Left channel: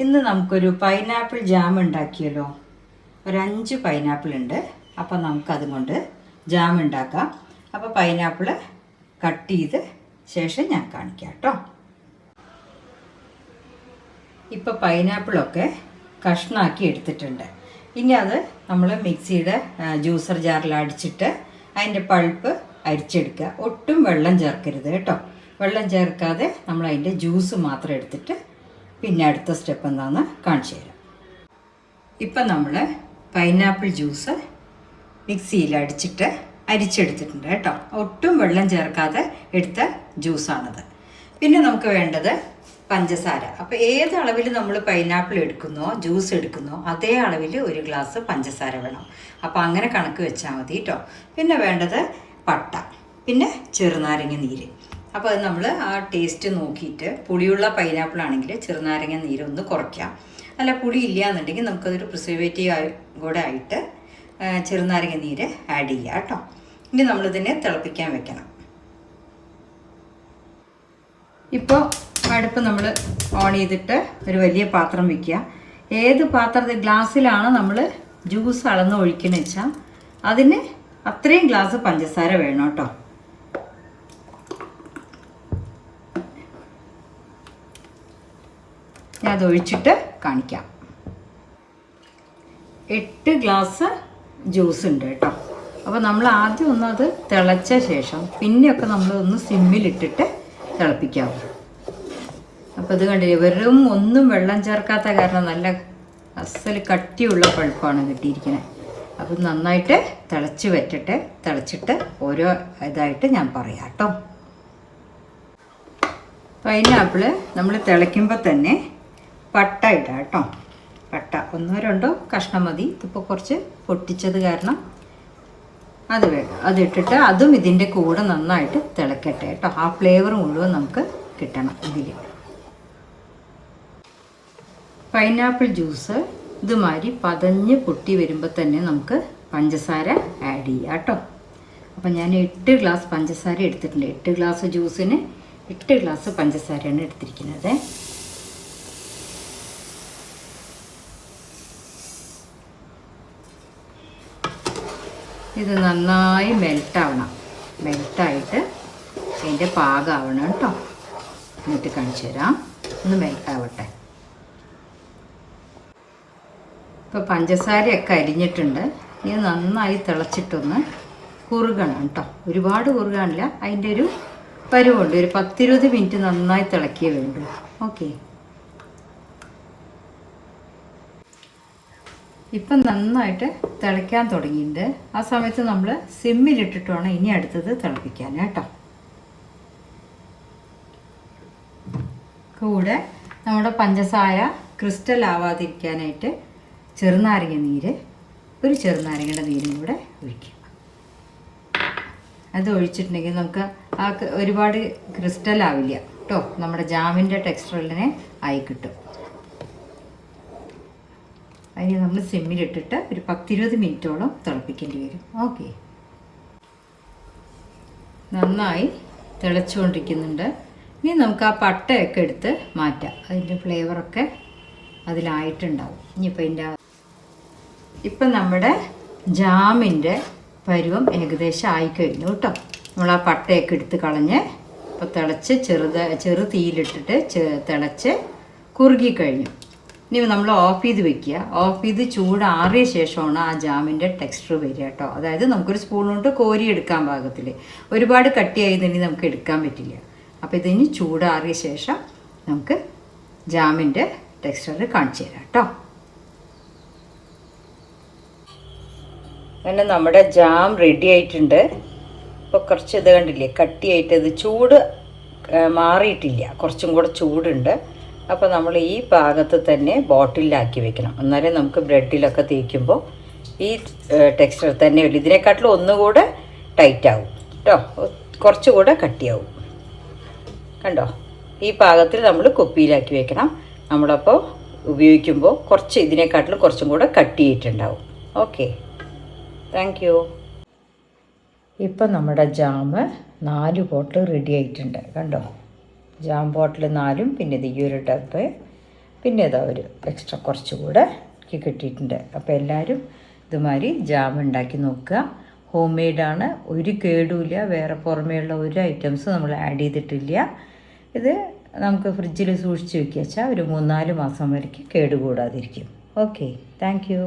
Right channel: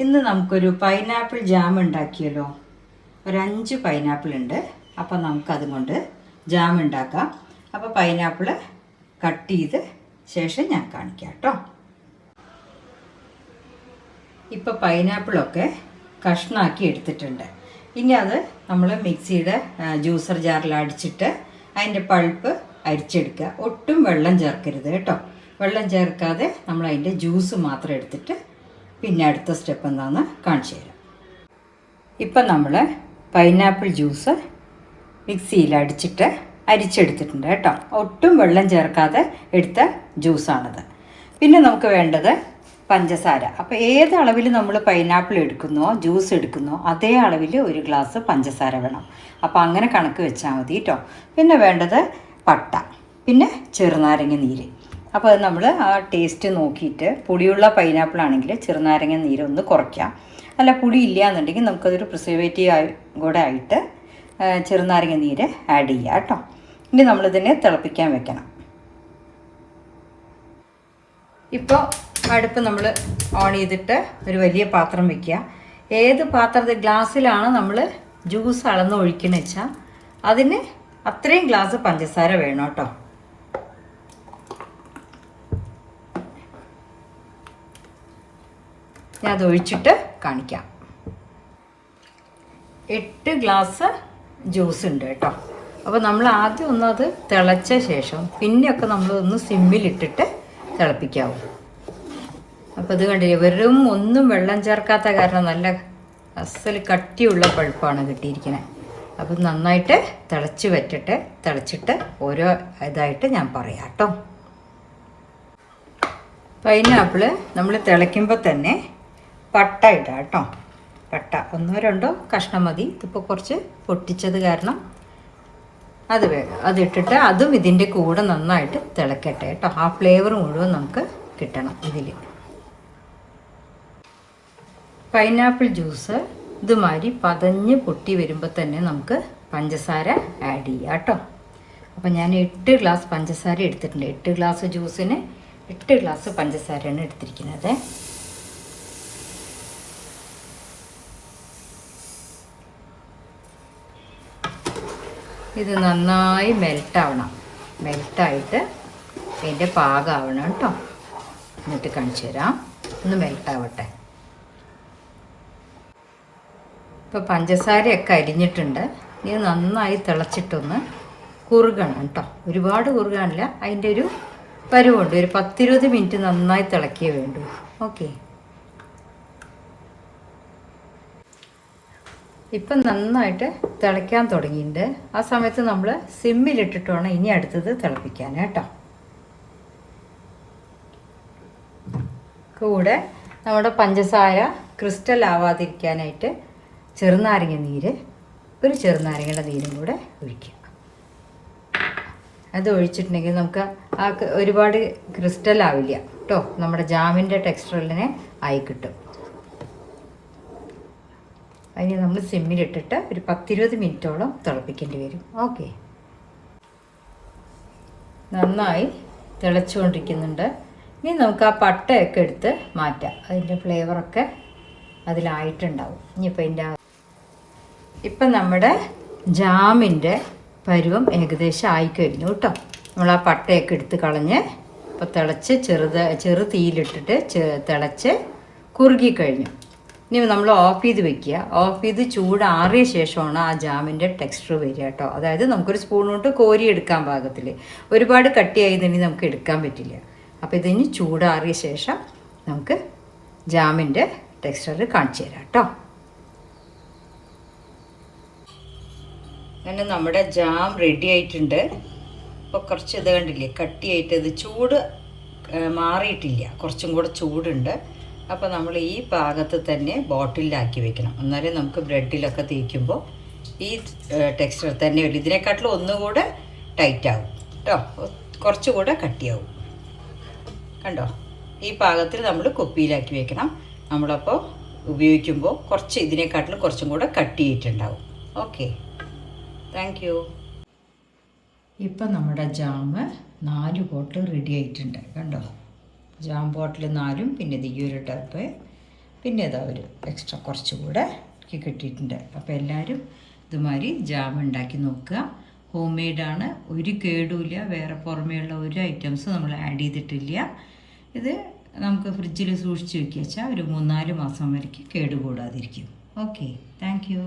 ഇന്ന് നമുക്കൊരു pineapple jam ഉണ്ടാക്കിയല്ലോ. ഒരു 5 പൈനാപ്പിൾ ഉണ്ട്. അപ്പോൾ നമുക്കതും കൊണ്ട് ജാം ഉണ്ടാക്കാം. അപ്പോൾ പൈനാപ്പിൾ കട്ട് ചെയ്ത് ശേഷം ഞാൻ കാണിക്കാം കേട്ടോ. ഇപ്പോൾ പൈനാപ്പിളൊക്കെ കഷ്ണാക്കി എടുത്തിട്ടുണ്ട്. ഇനി അത് നമ്മൾ മിക്സിയുടെ ജ്യൂസർ ജാറിൽ അടിച്ചിട്ട് അതിൻ്റെ പൾപ്പ് അരിച്ചെടുക്കുക. ഒട്ടും വെള്ളം ചേർക്കരുത് കേട്ടോ. വെള്ളം ചേർക്കാതെ നമ്മൾ അതിൻ്റെ ജ്യൂസ് മാത്രം എടുത്തിട്ട് പിന്നെ അടുത്ത സ്റ്റെപ്പ് എന്താണെന്ന് കാണിച്ചു തരാം. ഇപ്പം നമ്മൾ പൈനാപ്പിൾ ജ്യൂസ് മിക്സിയിൽ അടിച്ചിട്ട് അരിച്ചെടുത്തിട്ടുണ്ട് കേട്ടോ. ഒട്ടും വെള്ളം ചേർക്കാതെ എടുത്ത ജ്യൂസാണത്. പിന്നെ നമുക്ക് വേണ്ടത് പഞ്ചസാര. അപ്പോൾ ഏത് അളവിൽ നമ്മൾ പൈനാപ്പിൾ എടുക്കുന്നോ ജ്യൂസ് എടുക്കുന്നോ അതേ അളവിൽ ഒരു ഗ്ലാസ് പഞ്ചസാര വേണം. അപ്പോൾ അങ്ങനെ കണക്ക് വെച്ചാൽ മതി കേട്ടോ. പിന്നെ വേണ്ടത് പട്ട, പിന്നെ ചെറുനാരങ്ങ നീര്. അപ്പോൾ അത് നമ്മൾ ആ ടേസ്റ്റ് നോക്കിയിട്ട് പുളിയുള്ള പൈനാപ്പിൾ ആണെങ്കിൽ ചെറുനാരങ്ങ നീര് ഒന്ന് കുറയ്ക്കാം. അല്ല പുളി ഇല്ല എന്നുണ്ടെങ്കിൽ നമുക്കതൊരു പ്രിസർവേറ്റീവ് കൂടെ ആയിട്ട് ചെറുനാരങ്ങ നീര് ആഡ് ചെയ്യുക കേട്ടോ. ഇനി നമ്മളിതിനെ തിളപ്പിക്കാൻ വെക്കണം. ഇപ്പോൾ അടുപ്പ് നമ്മൾ ഓൺ ചെയ്തിട്ട് ഒരു വലിയ പാത്രം വെക്കുക. ഏത് പാത്രത്തിൽ ഗ്ലാസ്സിലാണ് നമ്മൾ ജ്യൂസ് അളന്ന് ഒഴിക്കുന്നത് വെച്ചാൽ അതിന് അത്രയും ഗ്ലാസ് പഞ്ചസാര വേണം കേട്ടോ. ഞാൻ അത് ഒഴിച്ചിട്ട് കാണിക്കാം. 8 ഗ്ലാസ് ജ്യൂസ് ഉണ്ട് കേട്ടോ. അപ്പോൾ നമ്മൾ ആദ്യം ഒന്നത് തിളച്ച ശേഷം പിന്നെയൊക്കെ നമ്മളൊന്ന് സിമ്മിലിട്ടിട്ട് തിളപ്പിക്കാവും. അപ്പോൾ ഇത് കണ്ടില്ലേ, വെറും ഒന്നും വെള്ളം ചേർക്കാത്ത കാരണം നല്ല അസൽ കട്ടിയുള്ള പഴുപ്പാണ് കിട്ടിയിരിക്കുന്നത്. അപ്പം നന്നായിട്ട് തിളച്ച് വറ്റിട്ട് തിളച്ചിട്ട് ഓരോ ഇതായിട്ട് ഞാൻ പറയാം കേട്ടോ. പൈനാപ്പിൾ നമ്മൾ തിളയ്ക്കുമ്പോൾ തന്നെ പട്ട ഇടാം കേട്ടോ. പട്ട 1-2 കഷ്ണം മതി. ഇപ്പോൾ കുറച്ച് പൊട്ടിച്ചത് കാരണം അത് വേണം. അതിട്ടിട്ട് അതും ഇതിൻ്റെ കൂടെ നന്നായിട്ട് തിളക്കട്ടെ കേട്ടോ. ആ ഫ്ലേവർ മുഴുവൻ നമുക്ക് കിട്ടണം ഇതിൽ. പൈനാപ്പിൾ ജ്യൂസ് ഇതുമാതിരി പതഞ്ഞ് പൊട്ടി വരുമ്പോൾ തന്നെ നമുക്ക് പഞ്ചസാര ആഡ് ചെയ്യാം കേട്ടോ. അപ്പോൾ ഞാൻ 8 ഗ്ലാസ് പഞ്ചസാര എടുത്തിട്ടുണ്ട്. 8 ഗ്ലാസ് ജ്യൂസിന് 8 ഗ്ലാസ് പഞ്ചസാരയാണ് എടുത്തിരിക്കുന്നത്. ഇത് നന്നായി മെൽട്ടാവണം. മെൽട്ടായിട്ട് ഇതിൻ്റെ പാകമാവണം കേട്ടോ. എന്നിട്ട് കാണിച്ചു തരാം. ഒന്ന് മെൽട്ടാവട്ടെ. ഇപ്പോൾ പഞ്ചസാരയൊക്കെ അരിഞ്ഞിട്ടുണ്ട്. ഇത് നന്നായി തിളച്ചിട്ടൊന്ന് കുറുകണം കേട്ടോ. ഒരുപാട് കുറുകാനില്ല, അതിൻ്റെ ഒരു പരുവുണ്ട്. ഒരു 10-20 മിനിറ്റ് നന്നായി തിളക്കിയേ വേണ്ടൂ. ഓക്കെ, ഇപ്പം നന്നായിട്ട് തിളയ്ക്കാൻ തുടങ്ങിയിട്ടുണ്ട്. ആ സമയത്ത് നമ്മൾ സിമ്മിലിട്ടിട്ട് വേണം ഇനി അടുത്തത് തിളപ്പിക്കാൻ കേട്ടോ. കൂടെ നമ്മുടെ പഞ്ചസാര ക്രിസ്റ്റൽ ആവാതിരിക്കാനായിട്ട് ചെറുനാരങ്ങ നീര്, ഒരു ചെറുനാരങ്ങയുടെ നീരും കൂടെ ഒഴിക്കുക. അത് ഒഴിച്ചിട്ടുണ്ടെങ്കിൽ നമുക്ക് ഒരുപാട് ക്രിസ്റ്റൽ ആവില്ല കേട്ടോ. നമ്മുടെ ജാമിൻ്റെ ടെക്സ്ചറിനെ ആയി കിട്ടും. അതിന് നമ്മൾ സിമ്മിലിട്ടിട്ട് ഒരു 10-20 മിനിറ്റോളം തിളപ്പിക്കേണ്ടി വരും. ഓക്കെ, നന്നായി തിളച്ചുകൊണ്ടിരിക്കുന്നുണ്ട്. ഇനി നമുക്ക് ആ പട്ടയൊക്കെ എടുത്ത് മാറ്റാം. അതിൻ്റെ ഫ്ലേവറൊക്കെ അതിലായിട്ടുണ്ടാവും. ഇനിയിപ്പോൾ ഇപ്പം നമ്മുടെ ജാമിൻ്റെ പരുവം ഏകദേശം ആയിക്കഴിഞ്ഞു കേട്ടോ. നമ്മൾ ആ പട്ടയൊക്കെ എടുത്ത് കളഞ്ഞ് ഇപ്പോൾ തിളച്ച് ചെറു തീയിലിട്ടിട്ട് തിളച്ച് കുറുകിക്കഴിഞ്ഞു. ഇനി നമ്മൾ ഓഫ് ചെയ്ത് വെക്കുക. ഓഫ് ചെയ്ത് ചൂടാറിയ ശേഷമാണ് ആ ജാമിൻ്റെ ടെക്സ്ചർ വരിക കേട്ടോ. അതായത് നമുക്കൊരു സ്പൂണോട്ട് കോരി എടുക്കാൻ പാകത്തിൽ. ഒരുപാട് കട്ടിയായതിന് നമുക്ക് എടുക്കാൻ പറ്റില്ല. അപ്പോൾ ഇതിന് ചൂടാറിയ ശേഷം നമുക്ക് ജാമിൻ്റെ ടെക്സ്ചർ കാണിച്ചു തരാം കേട്ടോ. അങ്ങനെ നമ്മുടെ ജാം റെഡി ആയിട്ടുണ്ട്. ഇപ്പോൾ കുറച്ച് ഇത് കണ്ടില്ലേ, കട്ടിയായിട്ട് ഇത് ചൂട് മാറിയിട്ടില്ല, കുറച്ചും കൂടെ ചൂടുണ്ട്. അപ്പോൾ നമ്മൾ ഈ പാകത്ത് തന്നെ ബോട്ടിലാക്കി വെക്കണം. എന്നാലേ നമുക്ക് ബ്രെഡിലൊക്കെ തേക്കുമ്പോൾ ഈ ടെക്സ്ചർ തന്നെ വരും. ഇതിനെക്കാട്ടിലും ഒന്നുകൂടെ ടൈറ്റ് ആവും കേട്ടോ, കുറച്ചുകൂടെ കട്ടിയാവും. കണ്ടോ, ഈ പാകത്തിൽ നമ്മൾ കുപ്പിയിലാക്കി വെക്കണം. നമ്മളപ്പോൾ ഉപയോഗിക്കുമ്പോൾ കുറച്ച് ഇതിനെക്കാട്ടിലും കുറച്ചും കൂടെ കട്ടിയായിട്ടുണ്ടാവും. Okay, thank U. ഇപ്പം നമ്മുടെ ജാം 4 ബോട്ടിൽ റെഡി ആയിട്ടുണ്ട്. കണ്ടോ, ജാം ബോട്ടിൽ 4, പിന്നെ ഇത് ഈ ഒരു ഡബ്ബ് പിന്നെ ഇതാ ഒരു എക്സ്ട്രാ കുറച്ചുകൂടെ എനിക്ക് കിട്ടിയിട്ടുണ്ട്. അപ്പോൾ എല്ലാവരും ഇതുമാതിരി ജാം ഉണ്ടാക്കി നോക്കുക. ഹോം മെയ്ഡാണ്, ഒരു കേടുമില്ല, വേറെ പുറമേയുള്ള ഒരു ഐറ്റംസ് നമ്മൾ ആഡ് ചെയ്തിട്ടില്ല. ഇത് നമുക്ക് ഫ്രിഡ്ജിൽ സൂക്ഷിച്ച് വെക്കുക വെച്ചാൽ ഒരു 3-4 മാസം വരയ്ക്ക് കേടുകൂടാതിരിക്കും. Okay, thank U.